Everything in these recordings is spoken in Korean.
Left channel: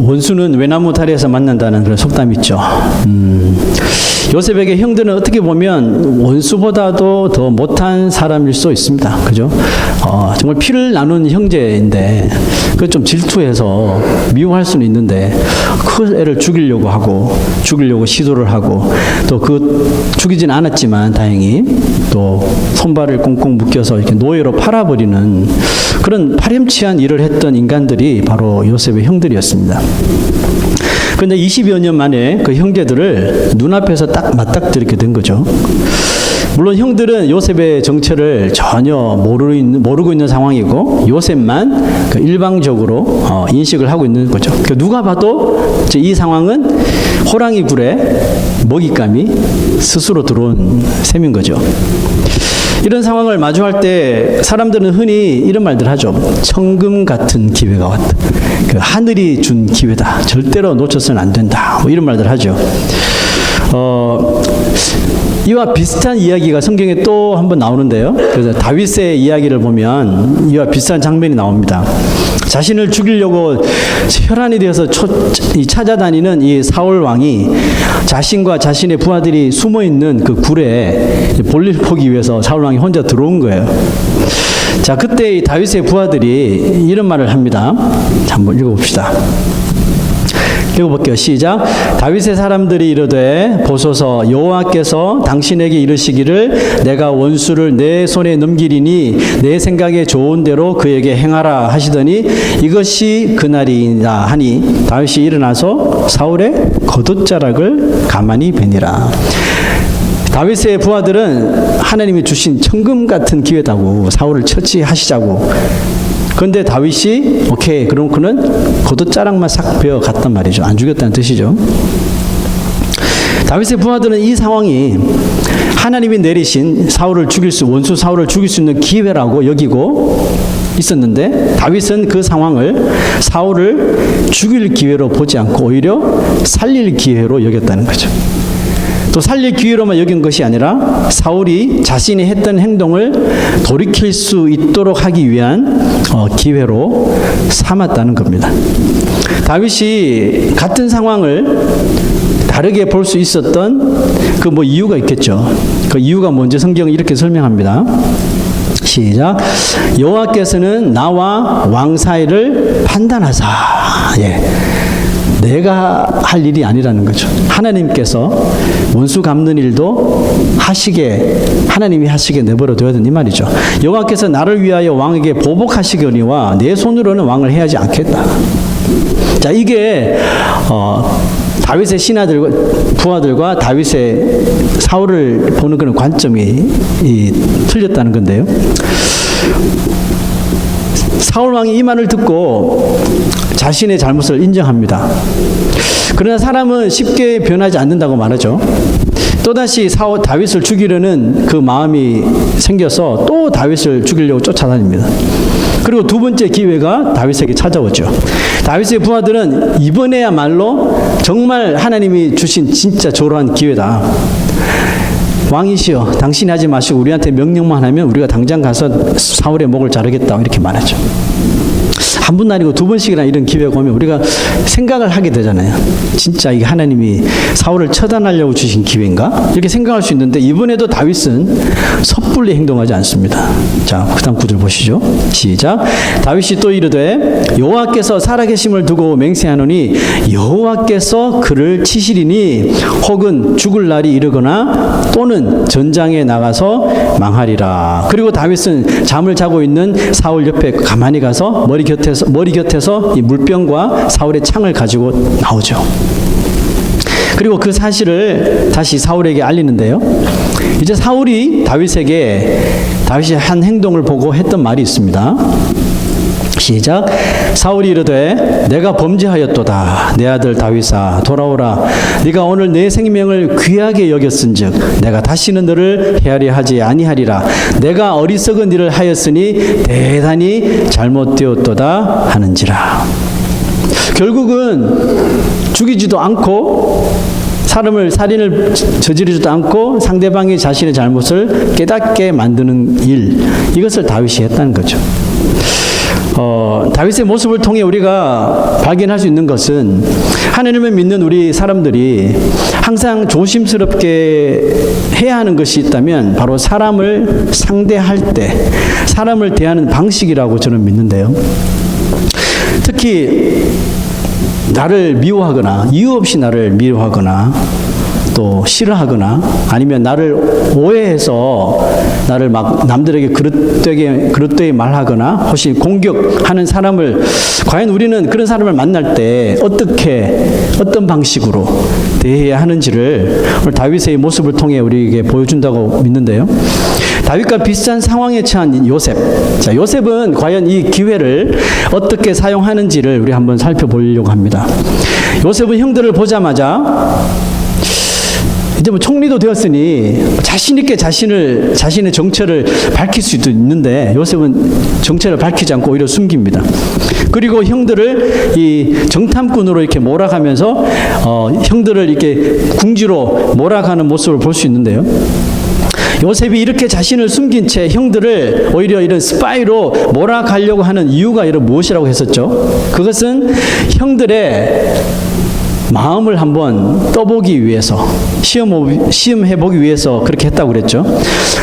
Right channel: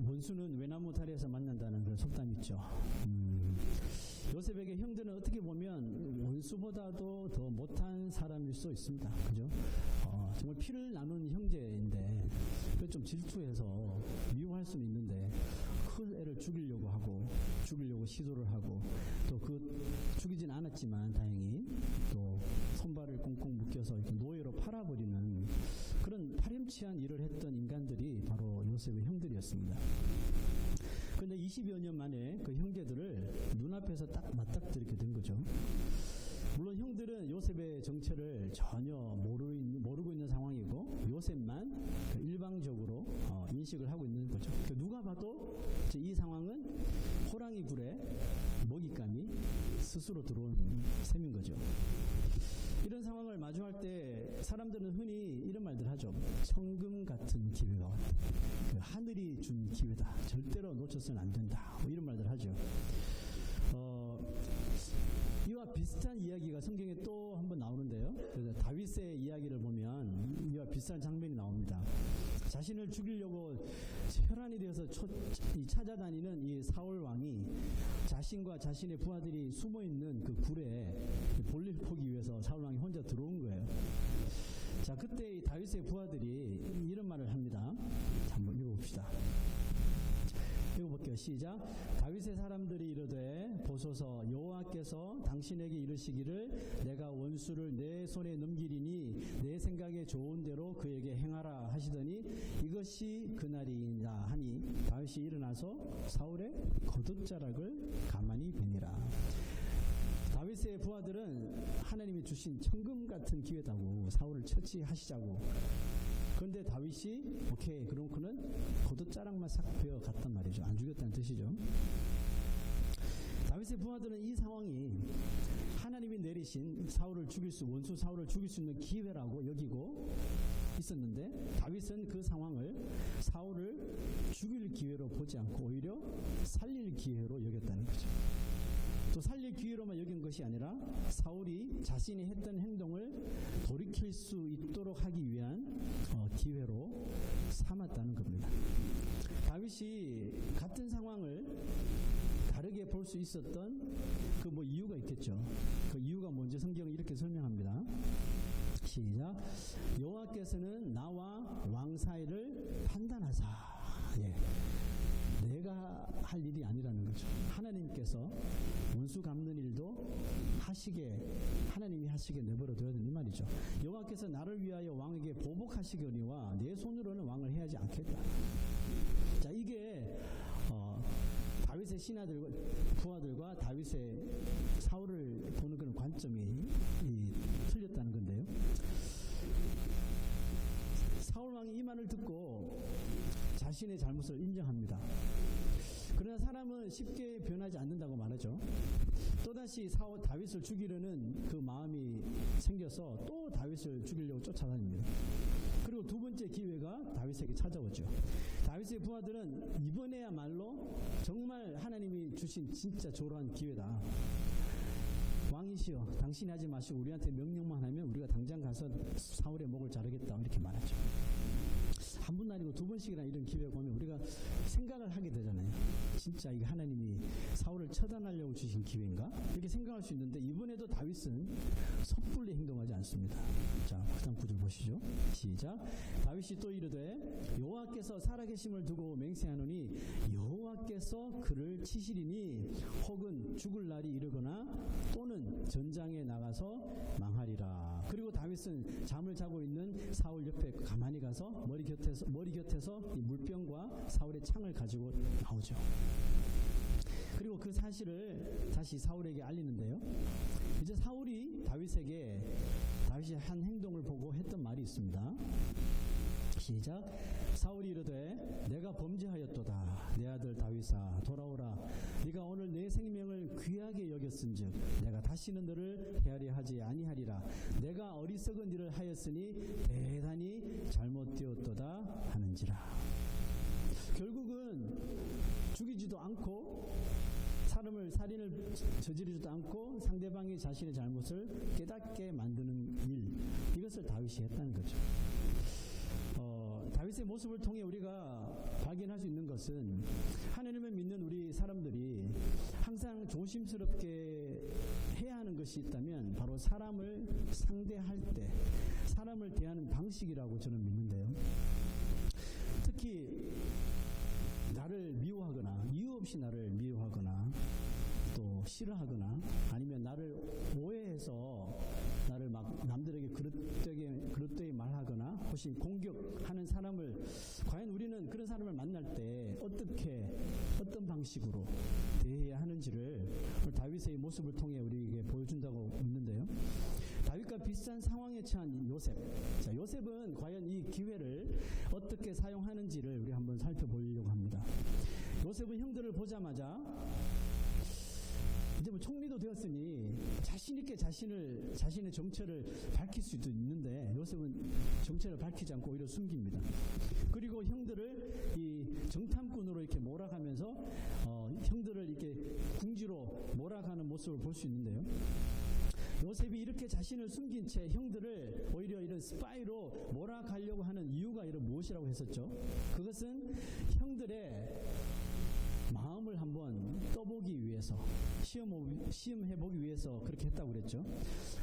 원수는 외나무 다리에서 만난다는 그런 속담이 있죠. 요셉에게 형들은 어떻게 보면 원수보다도 더 못한 사람일 수 있습니다. 그죠? 정말 피를 나눈 형제인데 그 좀 질투해서 미워할 수는 있는데 그 애를 죽이려고 하고 죽이려고 시도를 하고 또 그 죽이진 않았지만 다행히 또 손발을 꽁꽁 묶여서 이렇게 노예로 팔아버리는 그런 파렴치한 일을 했던 인간들이 바로 요셉의 형들이었습니다. 그런데 20여 년 만에 그 형제들을 눈앞에서 딱 맞닥뜨리게 된 거죠. 물론 형들은 요셉의 정체를 전혀 모르고 있는 상황이고 요셉만 일방적으로 인식을 하고 있는 거죠. 누가 봐도 이 상황은 호랑이 굴에 먹잇감이 스스로 들어온 셈인 거죠. 이런 상황을 마주할 때 사람들은 흔히 이런 말들 하죠. 천금 같은 기회가 왔다. 하늘이 준 기회다. 절대로 놓쳐서는 안 된다. 뭐 이런 말들 하죠. 이와 비슷한 이야기가 성경에 또 한 번 나오는데요. 그래서 다윗의 이야기를 보면 이와 비슷한 장면이 나옵니다. 자신을 죽이려고 혈안이 되어서 찾아다니는 이 사울 왕이 자신과 자신의 부하들이 숨어 있는 그 굴에 볼일 보기 위해서 사울 왕이 혼자 들어온 거예요. 자, 그때 이 다윗의 부하들이 이런 말을 합니다. 한번 읽어봅시다. 읽어볼게요. 시작. 다윗의 사람들이 이르되 보소서 여호와께서 당신에게 이르시기를 내가 원수를 내 손에 넘기리니 내 생각에 좋은 대로 그에게 행하라 하시더니 이것이 그날이다 하니 다윗이 일어나서 사울의 겉옷자락을 가만히 베니라. 다윗의 부하들은 하나님이 주신 천금 같은 기회다고 사울을 처치하시자고. 그런데 다윗이 오케이 그럼 그는 겉옷자락만 싹 베어 갔단 말이죠. 안 죽였다는 뜻이죠. 다윗의 부하들은 이 상황이 하나님이 내리신 원수 사울을 죽일 수 있는 기회라고 여기고 있었는데 다윗은 그 상황을 사울을 죽일 기회로 보지 않고 오히려 살릴 기회로 여겼다는 거죠. 또 살릴 기회로만 여긴 것이 아니라 사울이 자신이 했던 행동을 돌이킬 수 있도록 하기 위한 기회로 삼았다는 겁니다. 다윗이 같은 상황을 다르게 볼 수 있었던 그 이유가 있겠죠. 그 이유가 뭔지 성경은 이렇게 설명합니다. 시작. 여호와께서는 나와 왕 사이를 판단하사. 예. 내가 할 일이 아니라는 거죠. 하나님께서 원수 갚는 일도 하나님이 하시게 내버려 둬야 된다 이 말이죠. 여호와께서 나를 위하여 왕에게 보복하시거니와 내 손으로는 왕을 해하지 않겠다. 자, 이게 다윗의 신하들과 부하들과 다윗의 사울을 보는 그런 관점이 틀렸다는 건데요. 사울 왕이 이 말을 듣고 자신의 잘못을 인정합니다. 그러나 사람은 쉽게 변하지 않는다고 말하죠. 또다시 다윗을 죽이려는 그 마음이 생겨서 또 다윗을 죽이려고 쫓아다닙니다. 그리고 두 번째 기회가 다윗에게 찾아오죠. 다윗의 부하들은 이번에야말로 정말 하나님이 주신 진짜 조로한 기회다. 왕이시여 당신이 하지 마시고 우리한테 명령만 하면 우리가 당장 가서 사울의 목을 자르겠다 이렇게 말하죠. 한 번 아니고 두 번씩이나 이런 기회가 오면 우리가 생각을 하게 되잖아요. 진짜 이게 하나님이 사울을 처단하려고 주신 기회인가? 이렇게 생각할 수 있는데 이번에도 다윗은 섣불리 행동하지 않습니다. 자, 그 다음 구절 보시죠. 시작. 다윗이 또 이르되 여호와께서 살아계심을 두고 맹세하노니 여호와께서 그를 치시리니 혹은 죽을 날이 이르거나 또는 전장에 나가서 망하리라. 그리고 다윗은 잠을 자고 있는 사울 옆에 가만히 가서 머리 곁에서 이 물병과 사울의 창을 가지고 나오죠. 그리고 그 사실을 다시 사울에게 알리는데요. 이제 사울이 다윗이 한 행동을 보고 했던 말이 있습니다. 시작. 사울이 이르되 내가 범죄하였도다. 내 아들 다윗아 돌아오라. 네가 오늘 내 생명을 귀하게 여겼은즉 내가 다시는 너를 헤아려 하지 아니하리라. 내가 어리석은 일을 하였으니 대단히 잘못되었도다 하는지라. 결국은 죽이지도 않고 살인을 저지르지도 않고 상대방이 자신의 잘못을 깨닫게 만드는 일, 이것을 다윗이 했다는 거죠. 다윗의 모습을 통해 우리가 발견할 수 있는 것은 하나님을 믿는 우리 사람들이 항상 조심스럽게 해야 하는 것이 있다면 바로 사람을 상대할 때 사람을 대하는 방식이라고 저는 믿는데요. 특히 나를 미워하거나 이유 없이 나를 미워하거나 또 싫어하거나 아니면 나를 오해해서 나를 막 남들에게 그릇되게 말하거나 혹시 공격하는 사람을 과연 우리는 그런 사람을 만날 때 어떤 방식으로 대해야 하는지를 오늘 다윗의 모습을 통해 우리에게 보여준다고 믿는데요. 다윗과 비슷한 상황에 처한 요셉. 자, 요셉은 과연 이 기회를 어떻게 사용하는지를 우리 한번 살펴보려고 합니다. 요셉은 형들을 보자마자 이제 뭐 총리도 되었으니 자신 있게 자신의 정체를 밝힐 수도 있는데 요셉은 정체를 밝히지 않고 오히려 숨깁니다. 그리고 형들을 이 정탐꾼으로 이렇게 몰아가면서 형들을 이렇게 궁지로 몰아가는 모습을 볼 수 있는데요. 요셉이 이렇게 자신을 숨긴 채 형들을 오히려 이런 스파이로 몰아가려고 하는 이유가 이런 무엇이라고 했었죠? 그것은 형들의 마음을 한번 떠보기 위해서 시험해보기 위해서 그렇게 했다고 그랬죠.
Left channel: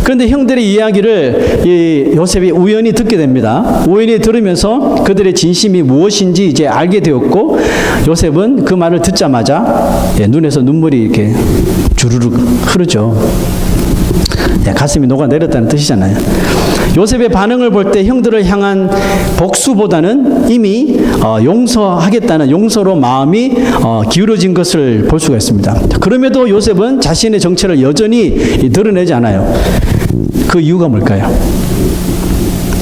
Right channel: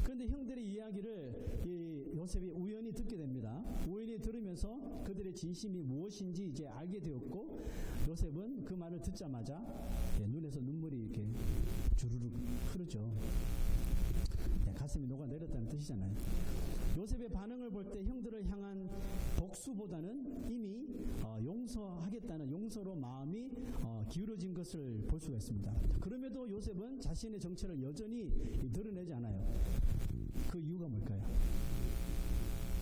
그런데 형들의 이야기를 이 요셉이 우연히 듣게 됩니다. 우연히 들으면서 그들의 진심이 무엇인지 이제 알게 되었고 요셉은 그 말을 듣자마자 눈에서 눈물이 이렇게 주르륵 흐르죠. 가슴이 녹아내렸다는 뜻이잖아요. 요셉의 반응을 볼 때 형들을 향한 복수보다는 이미 용서하겠다는 용서로 마음이 기울어진 것을 볼 수가 있습니다. 그럼에도 요셉은 자신의 정체를 여전히 드러내지 않아요. 그 이유가 뭘까요?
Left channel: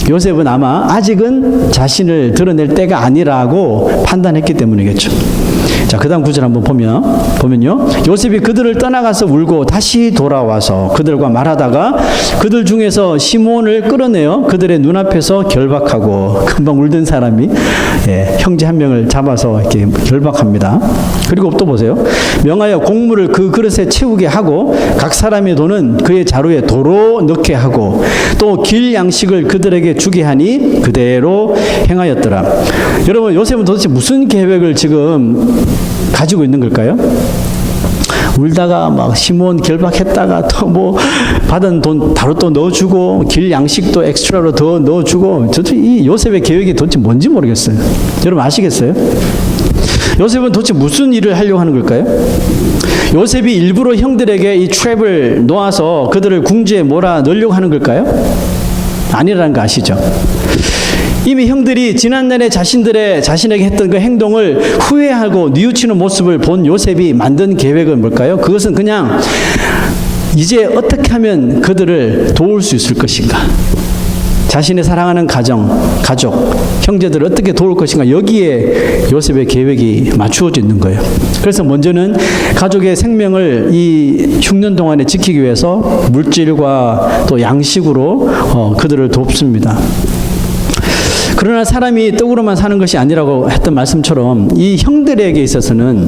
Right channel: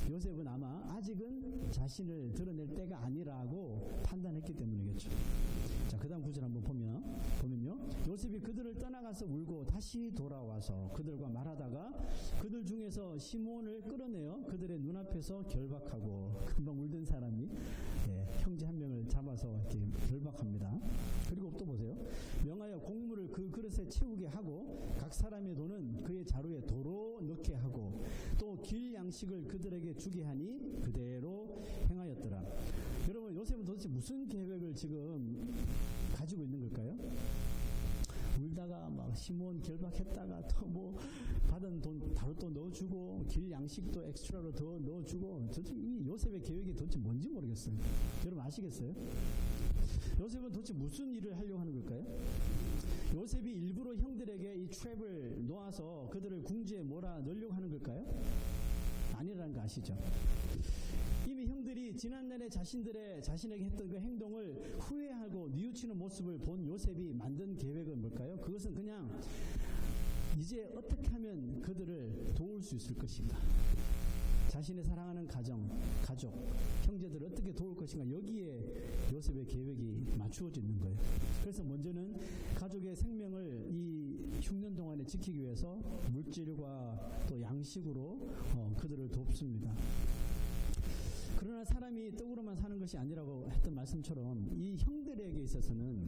요셉은 아마 아직은 자신을 드러낼 때가 아니라고 판단했기 때문이겠죠. 자, 그 다음 구절 한번 보면요. 요셉이 그들을 떠나가서 울고 다시 돌아와서 그들과 말하다가 그들 중에서 시몬을 끌어내어 그들의 눈앞에서 결박하고 금방 울던 사람이 형제 한 명을 잡아서 이렇게 결박합니다. 그리고 또 보세요. 명하여 곡물을 그 그릇에 채우게 하고 각 사람의 돈은 그의 자루에 도로 넣게 하고 또 길 양식을 그들에게 주게 하니 그대로 행하였더라. 여러분, 요셉은 도대체 무슨 계획을 지금 가지고 있는 걸까요? 울다가 막 시몬 결박했다가 또 뭐 받은 돈 바로 또 넣어주고 길 양식도 엑스트라로 더 넣어주고 도대체 이 요셉의 계획이 도대체 뭔지 모르겠어요. 여러분 아시겠어요? 요셉은 도대체 무슨 일을 하려고 하는 걸까요? 요셉이 일부러 형들에게 이 트랩을 놓아서 그들을 궁지에 몰아 넣으려고 하는 걸까요? 아니라는 거 아시죠? 이미 형들이 지난날에 자신에게 했던 그 행동을 후회하고 뉘우치는 모습을 본 요셉이 만든 계획은 뭘까요? 그것은 그냥 이제 어떻게 하면 그들을 도울 수 있을 것인가? 자신의 사랑하는 가족, 형제들을 어떻게 도울 것인가? 여기에 요셉의 계획이 맞추어져 있는 거예요. 그래서 먼저는 가족의 생명을 이 흉년 동안에 지키기 위해서 물질과 또 양식으로 그들을 돕습니다. 그러나 사람이 떡으로만 사는 것이 아니라고 했던 말씀처럼 이 형들에게 있어서는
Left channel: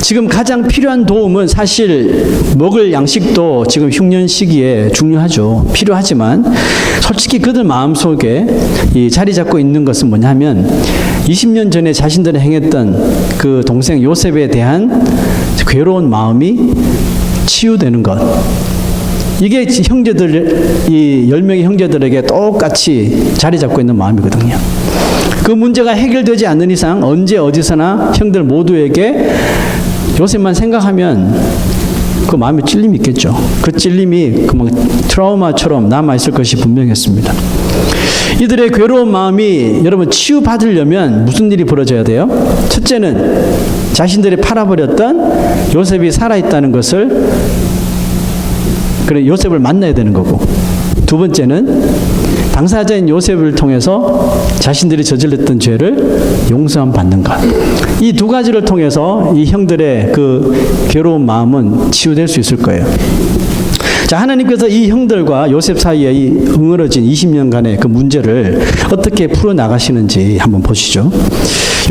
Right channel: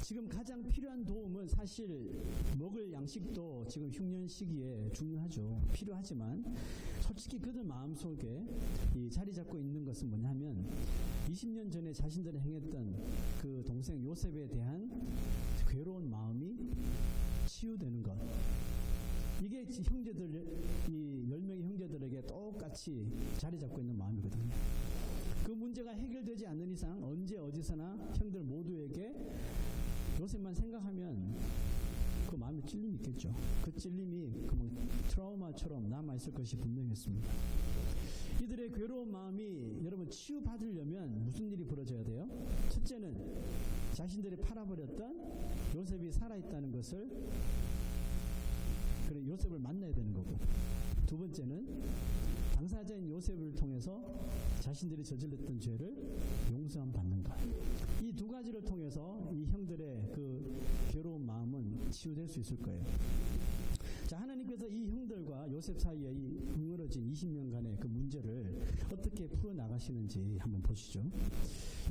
지금 가장 필요한 도움은 사실 먹을 양식도 지금 흉년 시기에 중요하죠. 필요하지만 솔직히 그들 마음속에 이 자리 잡고 있는 것은 뭐냐면 20년 전에 자신들이 행했던 그 동생 요셉에 대한 괴로운 마음이 치유되는 것. 이게 이 10명의 형제들에게 똑같이 자리 잡고 있는 마음이거든요. 그 문제가 해결되지 않는 이상 언제 어디서나 형들 모두에게 요셉만 생각하면 그 마음에 찔림이 있겠죠. 그 찔림이 막 트라우마처럼 남아있을 것이 분명했습니다. 이들의 괴로운 마음이 여러분 치유받으려면 무슨 일이 벌어져야 돼요? 첫째는 자신들이 팔아버렸던 요셉이 살아있다는 것을 그래 요셉을 만나야 되는 거고, 두 번째는 당사자인 요셉을 통해서 자신들이 저질렀던 죄를 용서함 받는 것. 이 두 가지를 통해서 이 형들의 그 괴로운 마음은 치유될 수 있을 거예요. 자, 하나님께서 이 형들과 요셉 사이에 이 응어러진 20년간의 그 문제를 어떻게 풀어나가시는지 한번 보시죠.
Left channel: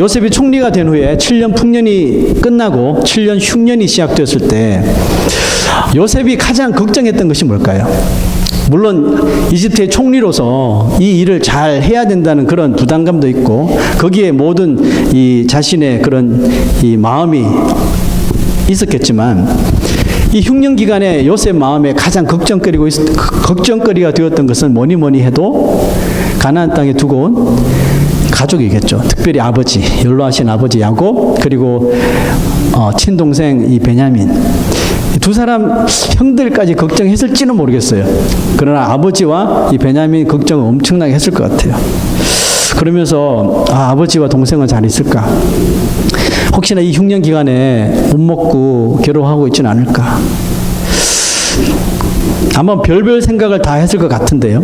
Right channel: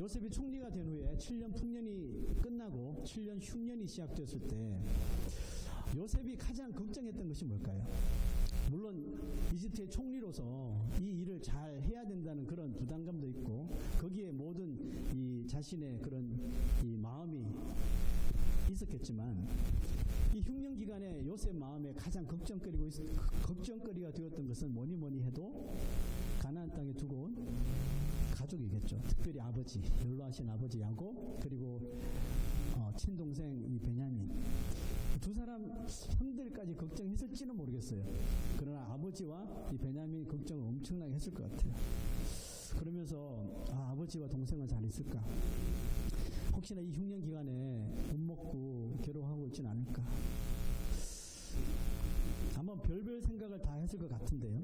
요셉이 총리가 된 후에 7년 풍년이 끝나고 7년 흉년이 시작되었을 때 요셉이 가장 걱정했던 것이 뭘까요? 물론 이집트의 총리로서 이 일을 잘 해야 된다는 그런 부담감도 있고 거기에 모든 이 자신의 그런 이 마음이 있었겠지만 이 흉년 기간에 요셉 마음에 가장 걱정거리가 되었던 것은 뭐니 해도 가나안 땅에 두고 온 가족이겠죠. 특별히 아버지, 연로하신 아버지 야곱, 그리고 친동생 이 베냐민. 두 사람 형들까지 걱정했을지는 모르겠어요. 그러나 아버지와 이 베냐민 걱정을 엄청나게 했을 것 같아요. 그러면서 아버지와 동생은 잘 있을까? 혹시나 이 흉년 기간에 못 먹고 괴로워하고 있지는 않을까? 아마 별별 생각을 다 했을 것 같은데요.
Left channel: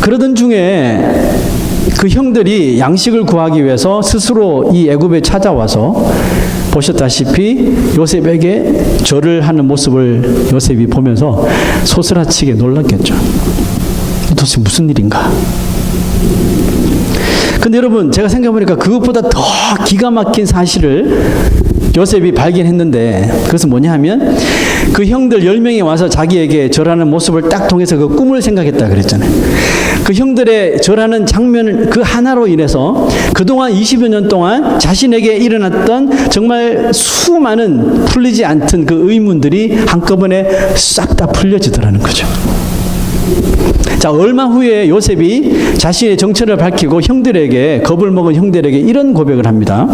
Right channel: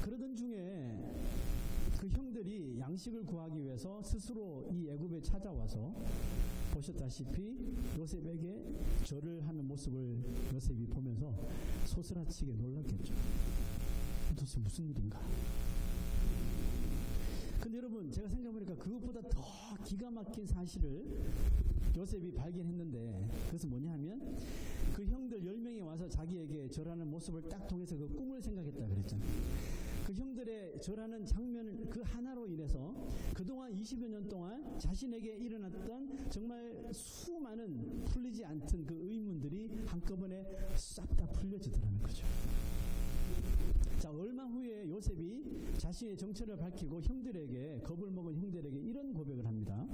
그러던 중에 그 형들이 양식을 구하기 위해서 스스로 이 애굽에 찾아와서 보셨다시피 요셉에게 절을 하는 모습을 요셉이 보면서 소스라치게 놀랐겠죠. 도대체 무슨 일인가? 근데 여러분, 제가 생각해보니까 그것보다 더 기가 막힌 사실을 요셉이 발견했는데, 그것은 뭐냐 하면 그 형들 10명이 와서 자기에게 절하는 모습을 딱 통해서 그 꿈을 생각했다 그랬잖아요. 그 형들의 절하는 장면 그 하나로 인해서 그동안 20여 년 동안 자신에게 일어났던 정말 수많은 풀리지 않던 그 의문들이 한꺼번에 싹 다 풀려지더라는 거죠. 자, 얼마 후에 요셉이 자신의 정체를 밝히고 형들에게, 겁을 먹은 형들에게 이런 고백을 합니다.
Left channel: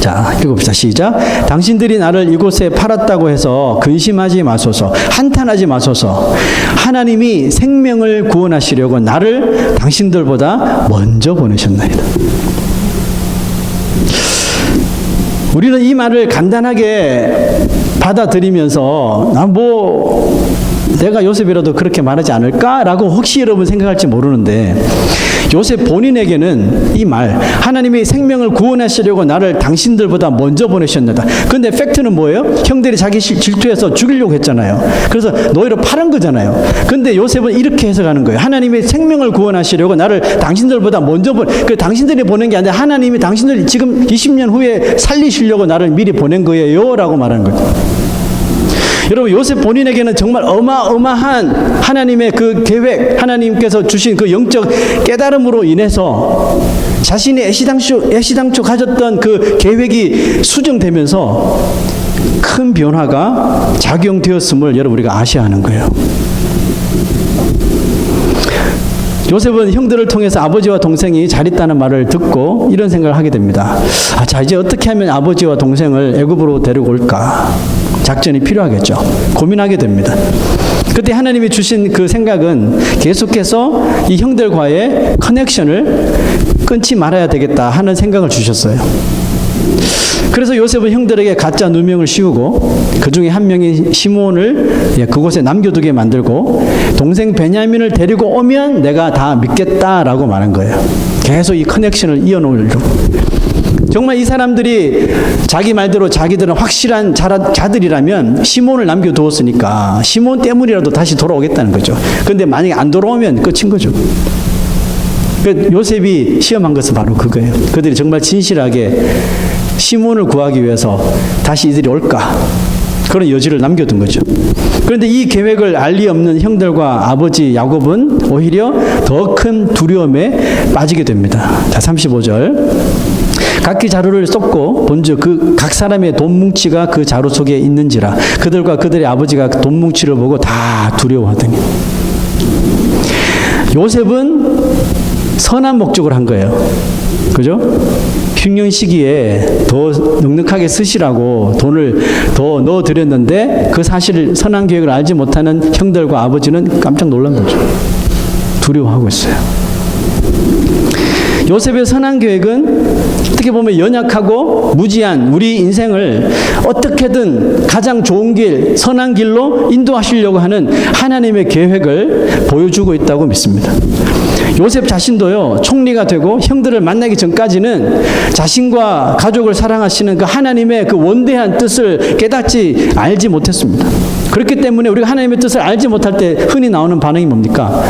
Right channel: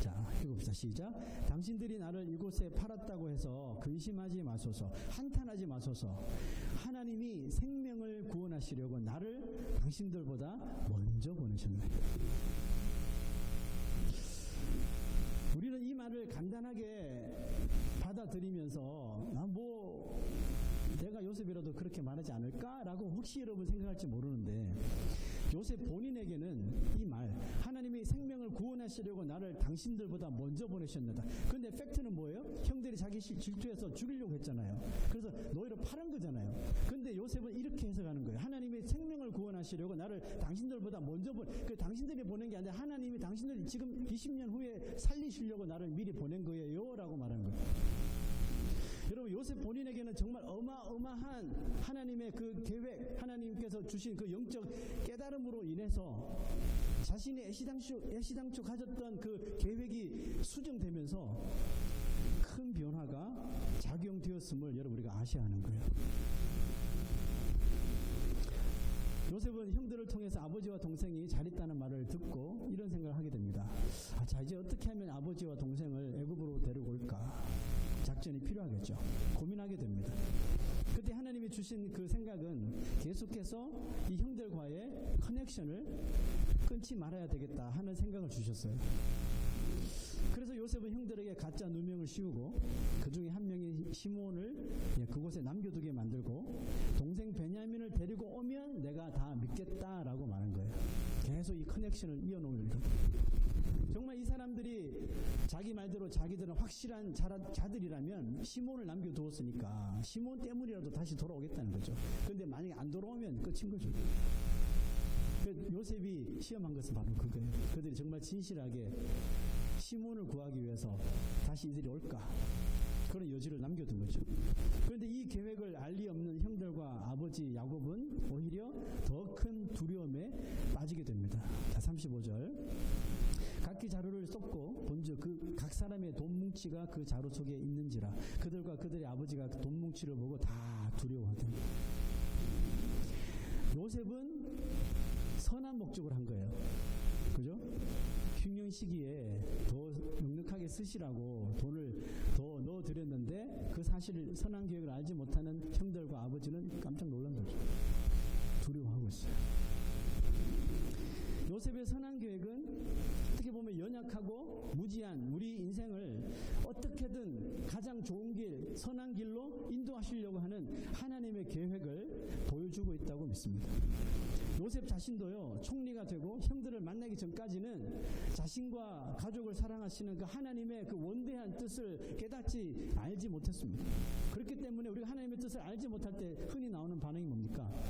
자, 읽어봅시다. 시작. 당신들이 나를 이곳에 팔았다고 해서 근심하지 마소서, 한탄하지 마소서. 하나님이 생명을 구원하시려고 나를 당신들보다 먼저 보내셨나이다. 우리는 이 말을 간단하게 받아들이면서 내가 요셉이라도 그렇게 말하지 않을까라고 혹시 여러분 생각할지 모르는데, 요셉 본인에게는 이 말, 하나님이 생명을 구원하시려고 나를 당신들보다 먼저 보내셨나다. 그런데 팩트는 뭐예요? 형들이 자기 질투해서 죽이려고 했잖아요. 그래서 너희를 팔은 거잖아요. 그런데 요셉은 이렇게 해석하는 거예요. 하나님이 생명을 구원하시려고 나를 당신들보다 먼저 당신들이 보낸 게 아니라 하나님이 당신들 지금 20년 후에 살리시려고 나를 미리 보낸 거예요 라고 말하는 거죠. 여러분, 요셉 본인에게는 정말 어마어마한 하나님의 그 계획, 하나님께서 주신 그 영적 깨달음으로 인해서 자신이 애시당초 가졌던 그 계획이 수정되면서 큰 변화가 작용되었음을 여러분 우리가 아셔야 하는 거예요. 요셉은 형들을 통해서 아버지와 동생이 잘 있다는 말을 듣고 이런 생각을 하게 됩니다. 자, 이제 어떻게 하면 아버지와 동생을 애굽으로 데리고 올까? 작전이 필요하겠죠. 고민하게 됩니다. 그때 하나님이 주신 그 생각은 계속해서 이 형들과의 커넥션을 끊지 말아야 되겠다 하는 생각을 주셨어요. 그래서 요셉은 형들에게 가짜 누명을 씌우고 그 중에 한 명인 시몬을 그곳에 남겨두게 만들고 동생 베냐민을 데리고 오면 내가 다 믿겠다라고 말한 거예요. 계속 이 커넥션을 이어놓으려고. 정말 이 사람들이 자기 말대로 자기들은 확실한 자들이라면 시몬을 남겨두었으니까 시몬 때문이라도 다시 돌아오겠다는 거죠. 그런데 만약에 안 돌아오면 끝인 거죠. 요셉이 시험한 것은 바로 그거예요. 그들이 정말 진실하게 시몬을 구하기 위해서 다시 이들이 올까? 그런 여지를 남겨둔 거죠. 그런데 이 계획을 알 리 없는 형들과 아버지 야곱은 오히려 더 큰 두려움에 빠지게 됩니다. 자, 35절. 각기 자루를 쏟고 본즉 그 각 사람의 돈 뭉치가 그 자루 속에 있는지라 그들과 그들의 아버지가 돈 뭉치를 보고 다 두려워하더니. 요셉은 선한 목적을 한 거예요. 그죠? 흉년 시기에 더 넉넉하게 쓰시라고 돈을 더 넣어드렸는데 그 사실을, 선한 계획을 알지 못하는 형들과 아버지는 깜짝 놀란 거죠. 두려워하고 있어요. 요셉의 선한 계획은 어떻게 보면 연약하고 무지한 우리 인생을 어떻게든 가장 좋은 길, 선한 길로 인도하시려고 하는 하나님의 계획을 보여주고 있다고 믿습니다. 요셉 자신도요, 총리가 되고 형들을 만나기 전까지는 자신과 가족을 사랑하시는 그 하나님의 그 원대한 뜻을 깨닫지 알지 못했습니다. 그렇기 때문에 우리가 하나님의 뜻을 알지 못할 때 흔히 나오는 반응이 뭡니까?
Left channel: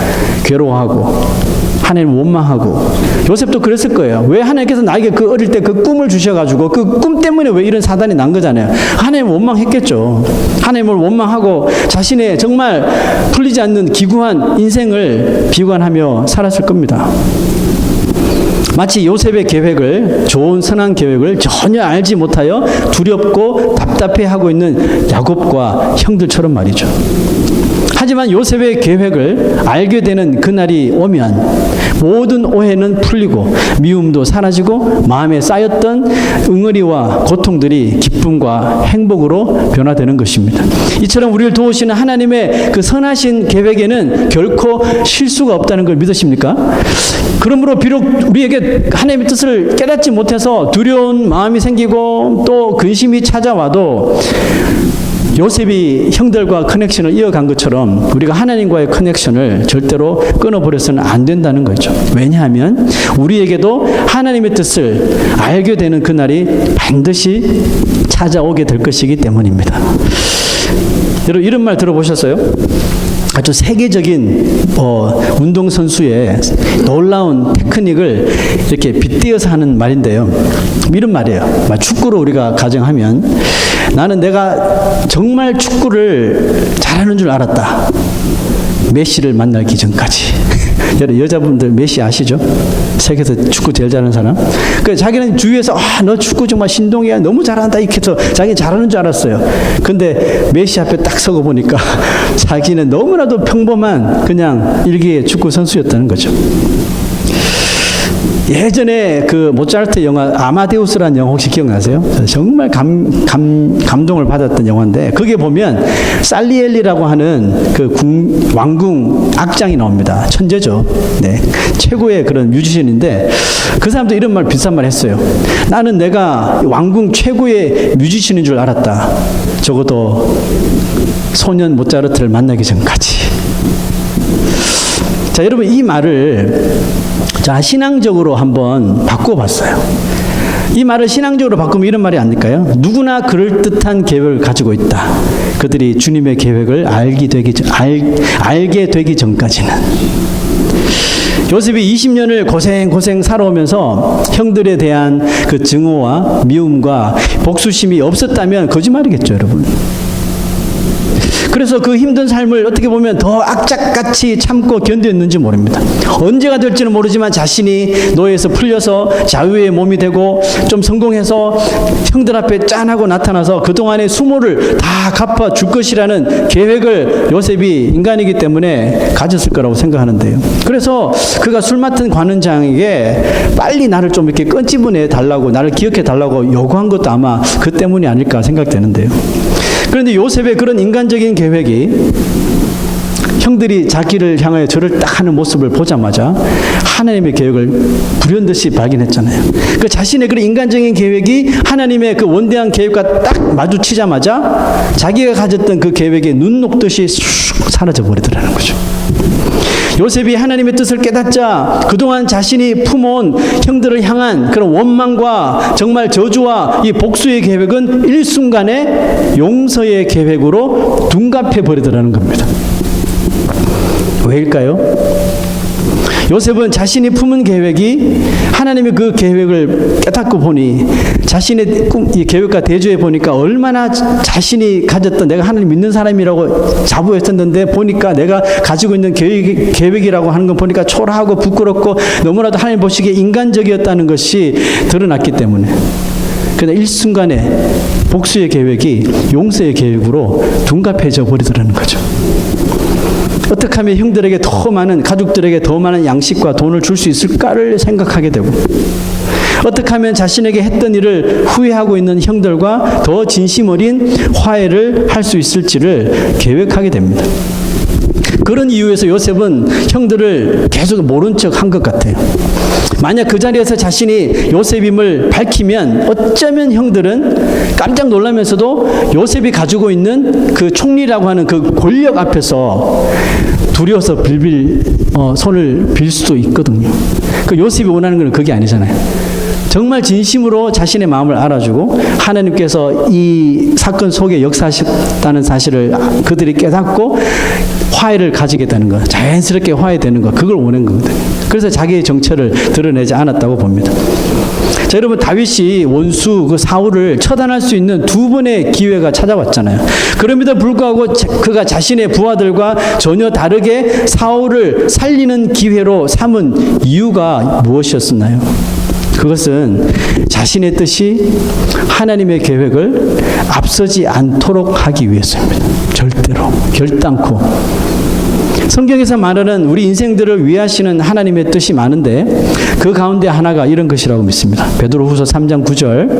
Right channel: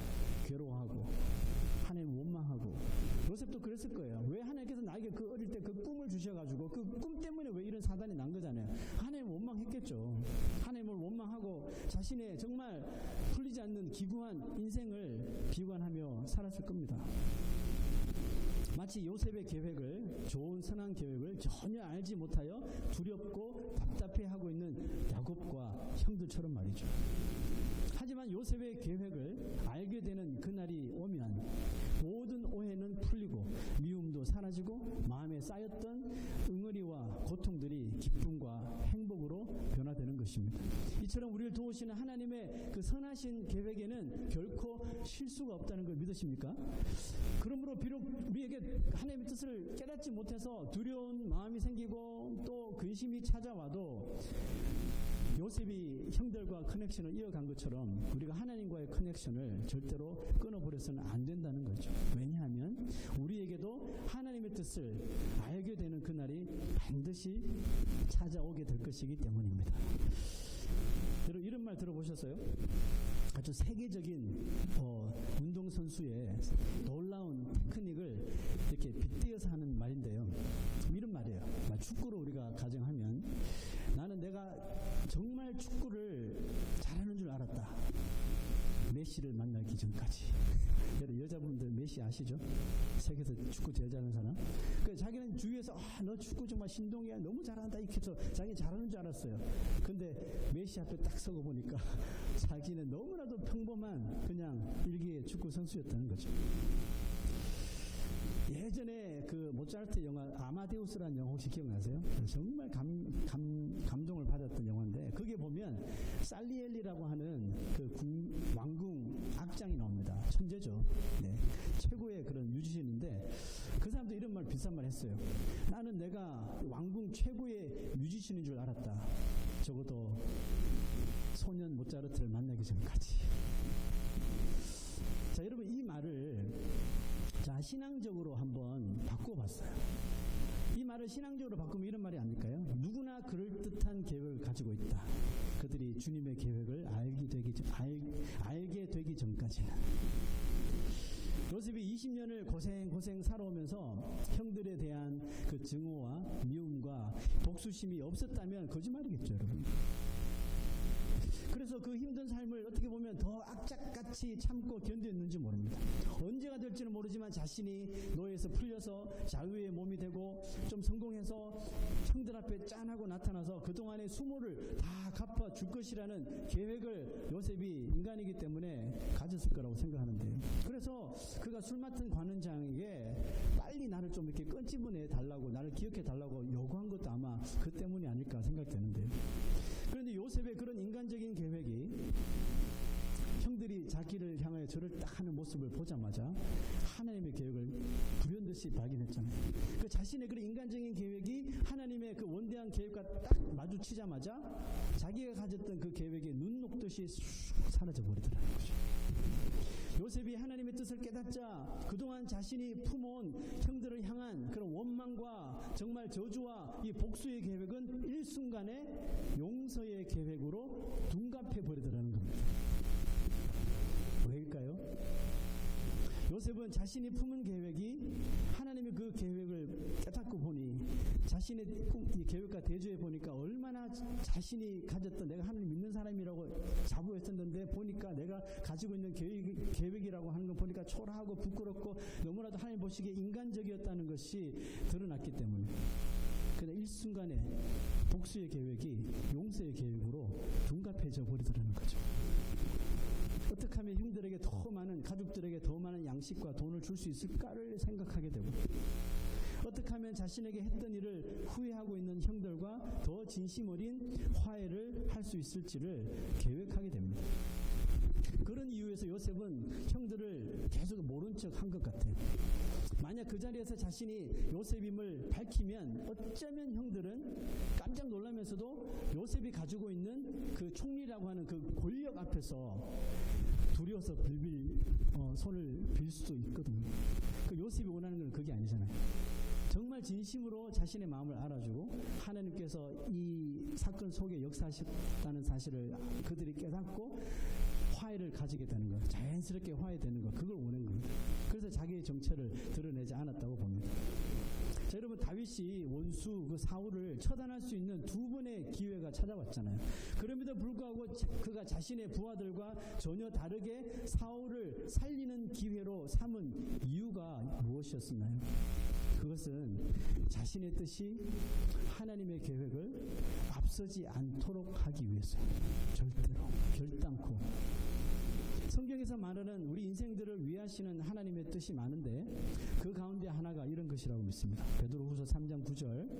괴로워하고 하나님 원망하고 요셉도 그랬을 거예요. 왜 하나님께서 나에게 그 어릴 때 그 꿈을 주셔가지고 그 꿈 때문에 왜 이런 사단이 난 거잖아요. 하나님 원망했겠죠. 하나님을 원망하고 자신의 정말 풀리지 않는 기구한 인생을 비관하며 살았을 겁니다. 마치 요셉의 계획을, 좋은 선한 계획을 전혀 알지 못하여 두렵고 답답해하고 있는 야곱과 형들처럼 말이죠. 하지만 요셉의 계획을 알게 되는 그날이 오면 모든 오해는 풀리고 미움도 사라지고 마음에 쌓였던 응어리와 고통들이 기쁨과 행복으로 변화되는 것입니다. 이처럼 우리를 도우시는 하나님의 그 선하신 계획에는 결코 실수가 없다는 걸 믿으십니까? 그러므로 비록 우리에게 하나님의 뜻을 깨닫지 못해서 두려운 마음이 생기고 또 근심이 찾아와도 요셉이 형들과 커넥션을 이어간 것처럼 우리가 하나님과의 커넥션을 절대로 끊어버려서는 안 된다는 거죠. 왜냐하면 우리에게도 하나님의 뜻을 알게 되는 그날이 반드시 찾아오게 될 것이기 때문입니다. 여러분 이런 말 들어보셨어요? 아주 세계적인 운동선수의 놀라운 테크닉을 이렇게 빗대어서 하는 말인데요. 이런 말이에요. 축구로 우리가 가정하면 나는 내가 정말 축구를 잘하는 줄 알았다. 메시를 만나기 전까지. 여자분들 메시 아시죠? 세계에서 축구 제일 잘하는 사람. 자기는 주위에서 너 축구 정말 신동이야. 너무 잘한다. 이렇게 해서 자기 잘하는 줄 알았어요. 근데 메시 앞에 딱 서고 보니까 자기는 너무나도 평범한 그냥 일개의 축구 선수였다는 거죠. 예전에 그 모차르트 영화 아마데우스라는 영화 혹시 기억나세요? 정말 감동을 받았던 영화인데 거기에 보면 살리엘리라고 하는 그 왕궁 악장이 나옵니다. 천재죠. 네, 최고의 그런 뮤지션인데 그 사람도 이런 말 비슷한 말 했어요. 나는 내가 왕궁 최고의 뮤지션인 줄 알았다. 적어도 소년 모차르트를 만나기 전까지. 자, 여러분 이 말을 신앙적으로 한번 바꿔봤어요. 이 말을 신앙적으로 바꾸면 이런 말이 아닐까요? 누구나 그럴듯한 계획을 가지고 있다. 그들이 주님의 계획을 알게 되기 전까지는. 요셉이 20년을 고생 살아오면서 형들에 대한 그 증오와 미움과 복수심이 없었다면 거짓말이겠죠, 여러분. 그래서 그 힘든 삶을 어떻게 보면 더 악착같이 참고 견뎠는지 모릅니다. 언제가 될지는 모르지만 자신이 노예에서 풀려서 자유의 몸이 되고 좀 성공해서 형들 앞에 짠하고 나타나서 그동안의 수모를 다 갚아줄 것이라는 계획을 요셉이 인간이기 때문에 가졌을 거라고 생각하는데요. 그래서 그가 술 맡은 관원장에게 빨리 나를 좀 이렇게 끈집어내 달라고, 나를 기억해 달라고 요구한 것도 아마 그 때문이 아닐까 생각되는데요. 그런데 요셉의 그런 인간적인 계획이 형들이 자기를 향하여 절을 딱 하는 모습을 보자마자 하나님의 계획을 불현듯이 발견했잖아요. 그 자신의 그런 인간적인 계획이 하나님의 그 원대한 계획과 딱 마주치자마자 자기가 가졌던 그 계획이 눈 녹듯이 쑥 사라져 버리더라는 거죠. 요셉이 하나님의 뜻을 깨닫자 그동안 자신이 품어온 형들을 향한 그런 원망과 정말 저주와 이 복수의 계획은 일순간에 용서의 계획으로 둔갑해 버리더라는 겁니다. 왜일까요? 요셉은 자신이 품은 계획이 하나님의 그 계획을 깨닫고 보니 자신의 이 계획과 대조해 보니까 얼마나 자신이 가졌던 내가 하나님 믿는 사람이라고 자부했었는데 보니까 내가 가지고 있는 계획이라고 하는 건 보니까 초라하고 부끄럽고 너무나도 하나님 보시기에 인간적이었다는 것이 드러났기 때문에 그러나 일순간에 복수의 계획이 용서의 계획으로 둔갑해져 버리더라는 거죠. 어떻게 하면 형들에게 더 많은, 가족들에게 더 많은 양식과 돈을 줄 수 있을까를 생각하게 되고, 어떻게 하면 자신에게 했던 일을 후회하고 있는 형들과 더 진심 어린 화해를 할 수 있을지를 계획하게 됩니다. 그런 이유에서 요셉은 형들을 계속 모른 척 한 것 같아요. 만약 그 자리에서 자신이 요셉임을 밝히면 어쩌면 형들은 깜짝 놀라면서도 요셉이 가지고 있는 그 총리라고 하는 그 권력 앞에서 두려워서 손을 빌 수도 있거든요. 그 요셉이 원하는 건 그게 아니잖아요. 정말 진심으로 자신의 마음을 알아주고 하나님께서 이 사건 속에 역사하셨다는 사실을 그들이 깨닫고 화해를 가지게 되는 것, 자연스럽게 화해되는 것, 그걸 원하는 거거든요. 그래서 자기의 정체를 드러내지 않았다고 봅니다. 자, 여러분, 다윗이 원수 그 사울을 처단할 수 있는 두 번의 기회가 찾아왔잖아요. 그럼에도 불구하고 그가 자신의 부하들과 전혀 다르게 사울을 살리는 기회로 삼은 이유가 무엇이었나요? 그것은 자신의 뜻이 하나님의 계획을 앞서지 않도록 하기 위해서입니다. 절대로 결단코. 성경에서 말하는 우리 인생들을 위하시는 하나님의 뜻이 많은데 그 가운데 하나가 이런 것이라고 믿습니다. 베드로후서 3장 9절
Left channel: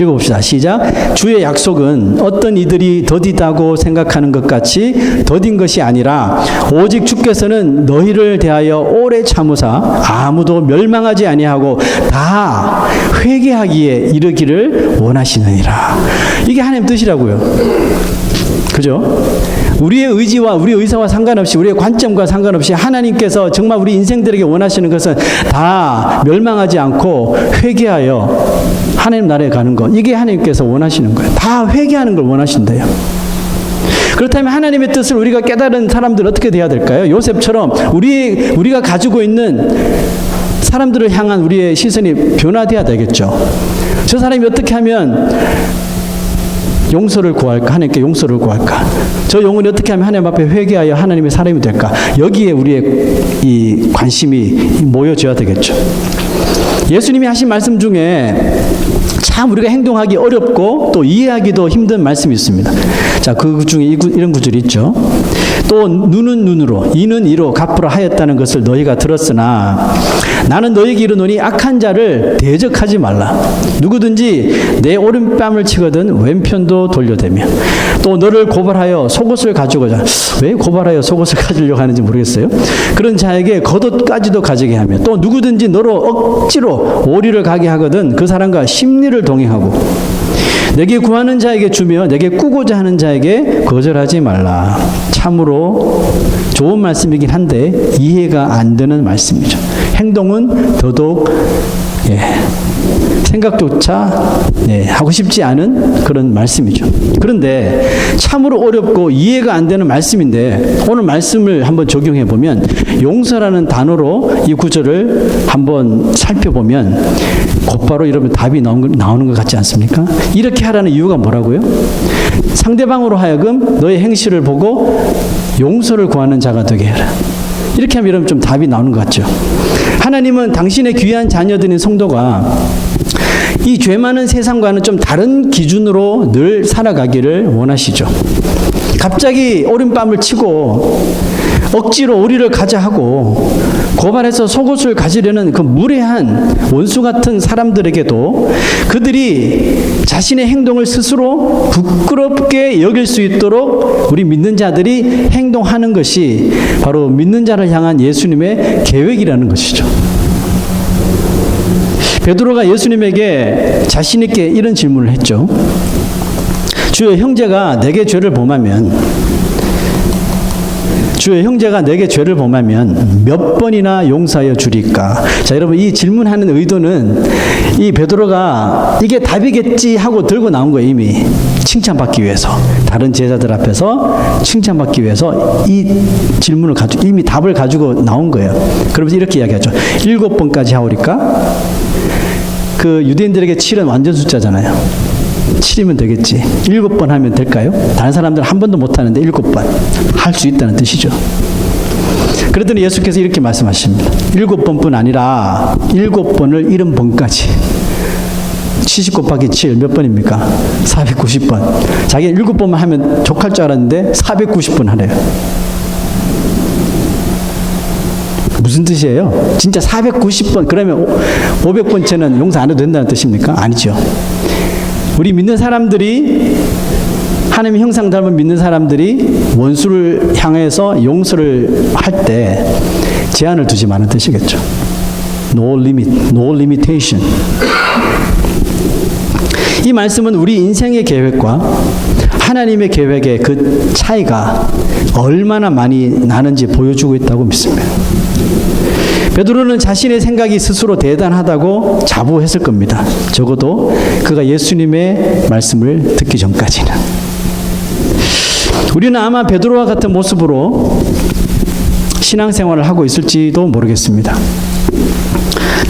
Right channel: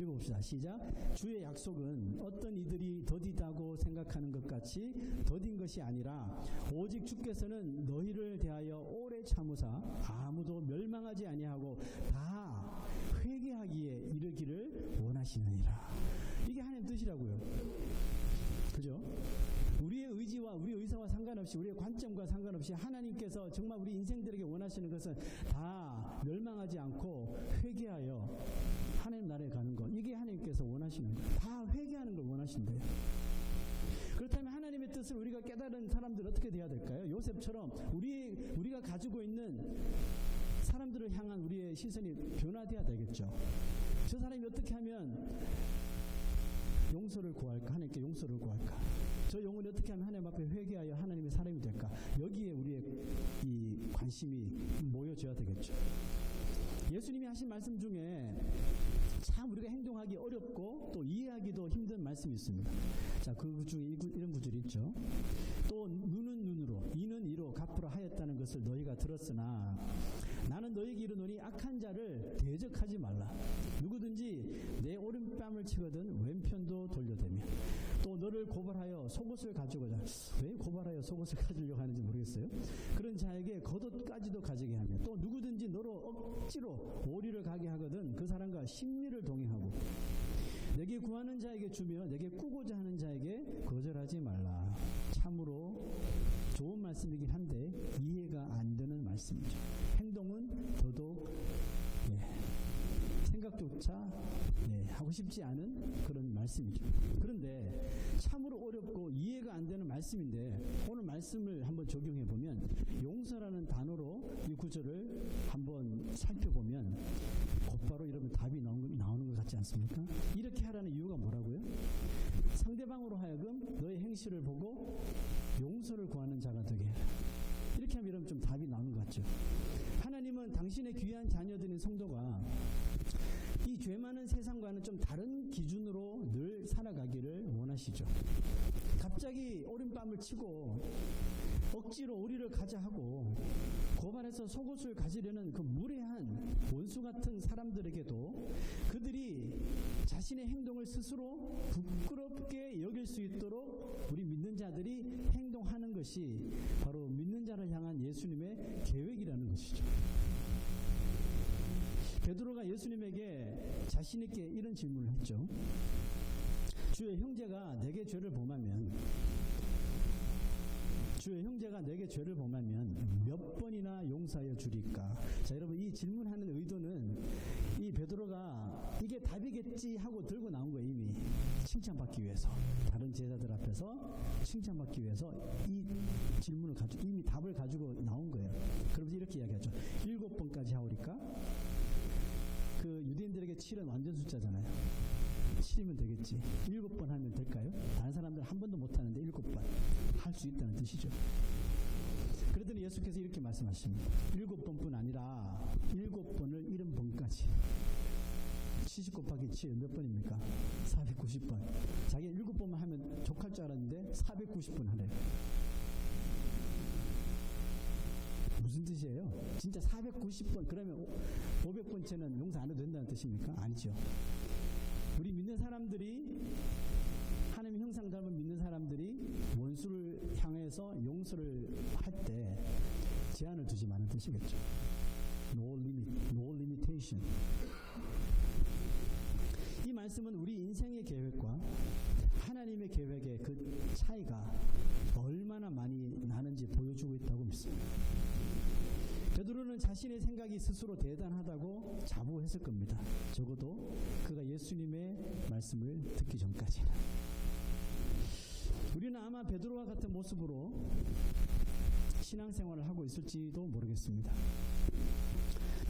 읽어봅시다. 시작. 주의 약속은 어떤 이들이 더디다고 생각하는 것 같이 더딘 것이 아니라 오직 주께서는 너희를 대하여 오래 참으사 아무도 멸망하지 아니하고 다 회개하기에 이르기를 원하시느니라. 이게 하나님 뜻이라고요. 그죠? 우리의 의지와 우리의 의사와 상관없이 우리의 관점과 상관없이 하나님께서 정말 우리 인생들에게 원하시는 것은 다 멸망하지 않고 회개하여 하나님 나라에 가는 것. 이게 하나님께서 원하시는 거예요. 다 회개하는 걸 원하신대요. 그렇다면 하나님의 뜻을 우리가 깨달은 사람들 어떻게 돼야 될까요? 요셉처럼 우리가 가지고 있는 사람들을 향한 우리의 시선이 변화돼야 되겠죠. 저 사람이 어떻게 하면 용서를 구할까? 하나님께 용서를 구할까? 저 영혼이 어떻게 하면 하나님 앞에 회개하여 하나님의 사람이 될까? 여기에 우리의 이 관심이 모여져야 되겠죠. 예수님이 하신 말씀 중에 참 우리가 행동하기 어렵고 또 이해하기도 힘든 말씀이 있습니다. 자, 그 중에 이런 구절이 있죠. 또 눈은 눈으로 이는 이로 갚으라 하였다는 것을 너희가 들었으나 나는 너희에게 이르노니 악한 자를 대적하지 말라. 누구든지 내 오른뺨을 치거든 왼편도 돌려대며 또 너를 고발하여 속옷을 가지고자. 왜 고발하여 속옷을 가지려고 하는지 모르겠어요. 그런 자에게 겉옷까지도 가지게 하며 또 누구든지 너로 억지로 오리를 가게 하거든 그 사람과 심리를 동행하고 내게 구하는 자에게 주며 내게 꾸고자 하는 자에게 거절하지 말라. 참으로 좋은 말씀이긴 한데 이해가 안 되는 말씀이죠. 행동은 더더욱 생각조차 하고 싶지 않은 그런 말씀이죠. 그런데 참으로 어렵고 이해가 안 되는 말씀인데 오늘 말씀을 한번 적용해 보면 용서라는 단어로 이 구절을 한번 살펴보면 곧바로 여러분 답이 나오는 것 같지 않습니까? 이렇게 하라는 이유가 뭐라고요? 상대방으로 하여금 너의 행실을 보고 용서를 구하는 자가 되게 해라. 이렇게 하면 여러분 좀 답이 나오는 것 같죠? 하나님은 당신의 귀한 자녀들인 성도가 이 죄 많은 세상과는 좀 다른 기준으로 늘 살아가기를 원하시죠. 갑자기 오른뺨을 치고 억지로 오리를 가자 하고 고발해서 속옷을 가지려는 그 무례한 원수 같은 사람들에게도 그들이 자신의 행동을 스스로 부끄럽게 여길 수 있도록 우리 믿는 자들이 행동하는 것이 바로 믿는 자를 향한 예수님의 계획이라는 것이죠. 베드로가 예수님에게 자신 있게 이런 질문을 했죠. 주의 형제가 내게 죄를 범하면 몇 번이나 용서하여 주리까? 자, 여러분 이 질문하는 의도는 이 베드로가 이게 답이겠지 하고 들고 나온 거예요. 이미 칭찬받기 위해서 다른 제자들 앞에서 칭찬받기 위해서 이 질문을 가지고 이미 답을 가지고 나온 거예요. 그러면서 이렇게 이야기하죠. 7번까지 하오리까? 그 유대인들에게 7은 완전 숫자잖아요. 7이면 되겠지. 7번 하면 될까요? 다른 사람들은 한 번도 못 하는데 7번 할 수 있다는 뜻이죠. 그랬더니 예수께서 이렇게 말씀하십니다. 7번뿐 아니라 7번을 70번까지. 70 곱하기 7 몇 번입니까? 490번. 자기가 7번만 하면 족할 줄 알았는데 490번 하래요. 무슨 뜻이에요? 진짜 490번 그러면 500번째는 용서 안 해도 된다는 뜻입니까? 아니죠. 우리 믿는 사람들이 하나님의 형상 닮은 믿는 사람들이 원수를 향해서 용서를 할 때 제한을 두지 마는 뜻이겠죠. No limit, no limitation. 이 말씀은 우리 인생의 계획과 하나님의 계획의 그 차이가 얼마나 많이 나는지 보여주고 있다고 믿습니다. 베드로는 자신의 생각이 스스로 대단하다고 자부했을 겁니다. 적어도 그가 예수님의 말씀을 듣기 전까지는. 우리는 아마 베드로와 같은 모습으로 신앙생활을 하고 있을지도 모르겠습니다.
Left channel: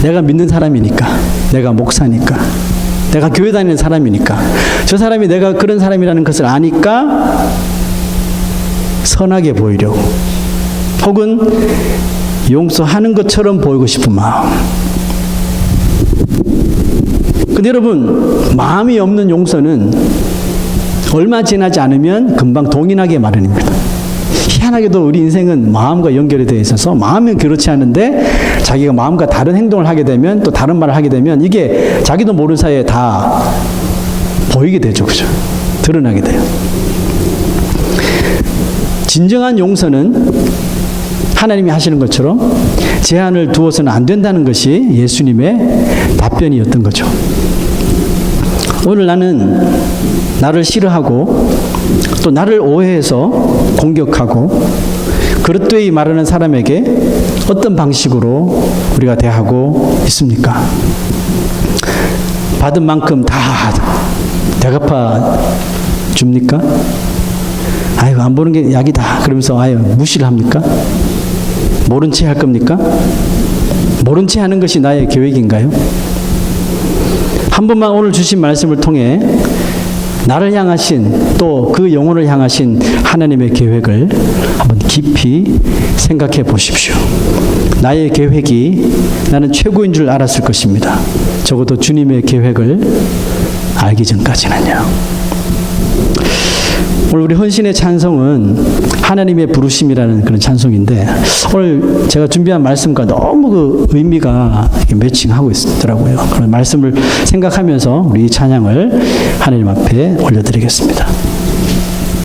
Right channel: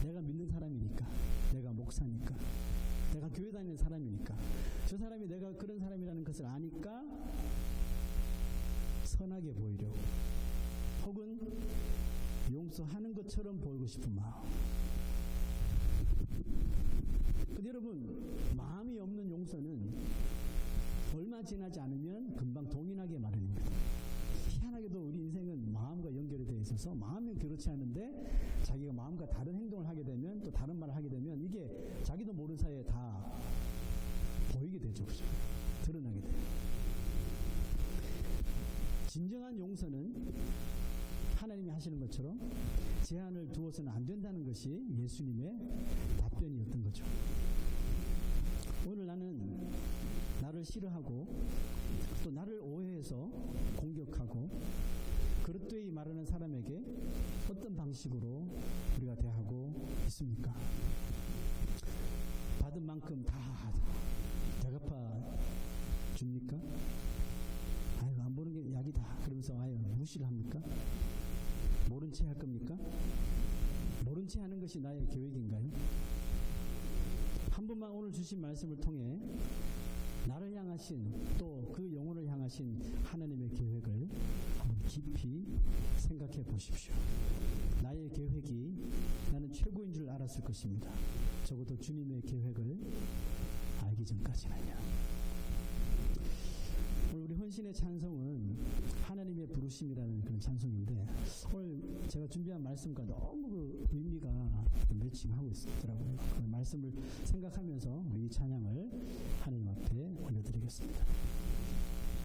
내가 믿는 사람이니까, 내가 목사니까, 내가 교회 다니는 사람이니까, 저 사람이 내가 그런 사람이라는 것을 아니까 선하게 보이려고, 혹은 용서하는 것처럼 보이고 싶은 마음. 근데 여러분, 마음이 없는 용서는 얼마 지나지 않으면 금방 동인하게 마련입니다. 희한하게도 우리 인생은 마음과 연결이 되어 있어서 마음은 그렇지 않은데 자기가 마음과 다른 행동을 하게 되면, 또 다른 말을 하게 되면 이게 자기도 모르는 사이에 다 보이게 되죠. 그죠? 드러나게 돼요. 진정한 용서는 하나님이 하시는 것처럼 제한을 두어서는 안 된다는 것이 예수님의 답변이었던 거죠. 오늘 나는 나를 싫어하고 또 나를 오해해서 공격하고 그릇되이 말하는 사람에게 어떤 방식으로 우리가 대하고 있습니까? 받은 만큼 다 대갚아 줍니까? 아이고, 안 보는 게 약이다 그러면서 아유 무시를 합니까? 모른 채 할 겁니까? 모른 채 하는 것이 나의 계획인가요? 한 번만 오늘 주신 말씀을 통해 나를 향하신, 또 그 영혼을 향하신 하나님의 계획을 한번 깊이 생각해 보십시오. 나의 계획이 나는 최고인 줄 알았을 것입니다. 적어도 주님의 계획을 알기 전까지는요. 오늘 우리 헌신의 찬송은 하나님의 부르심이라는 그런 찬송인데, 오늘 제가 준비한 말씀과 너무 그 의미가 매칭하고 있더라고요. 그런 말씀을 생각하면서 우리 이 찬양을 하나님 앞에 올려드리겠습니다.